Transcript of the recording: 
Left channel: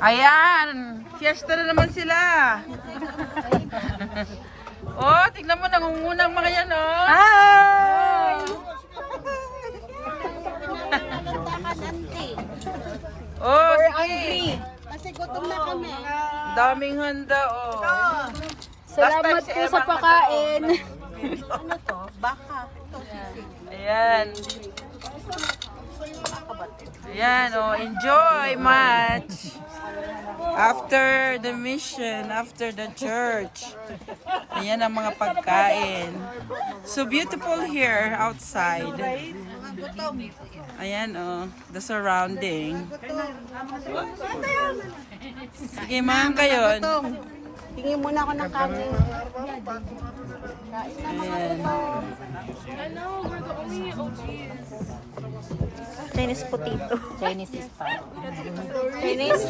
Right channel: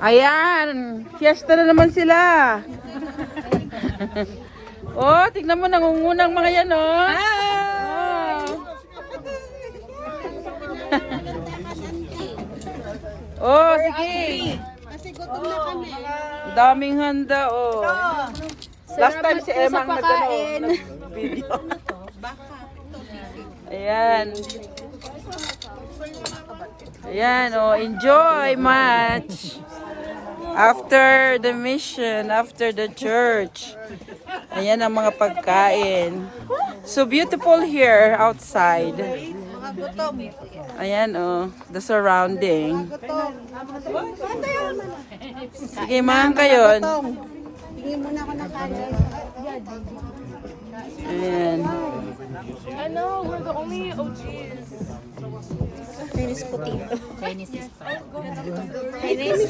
Ayan, fiesta na naman sila. Oh, tignan mo, nangungunang mga yan, oh. Hi! Oh, sige. Kasi gutom na kami. Daming handa, oh. Salamat Last time si po sa Emang pakain. Video. Ano to? Baka. Ito, sisig. Ayan. Ayan, oh, enjoy much. After the mission, after the church. Ayan ang mga pagkain. So beautiful here outside. Ayan, oh, the surrounding. Sige, ma'am, kayo. Tingin muna ako ng kanin. Ayan. Ano, we're the only OGs. Chinese potato. Chinese is fine. Chinese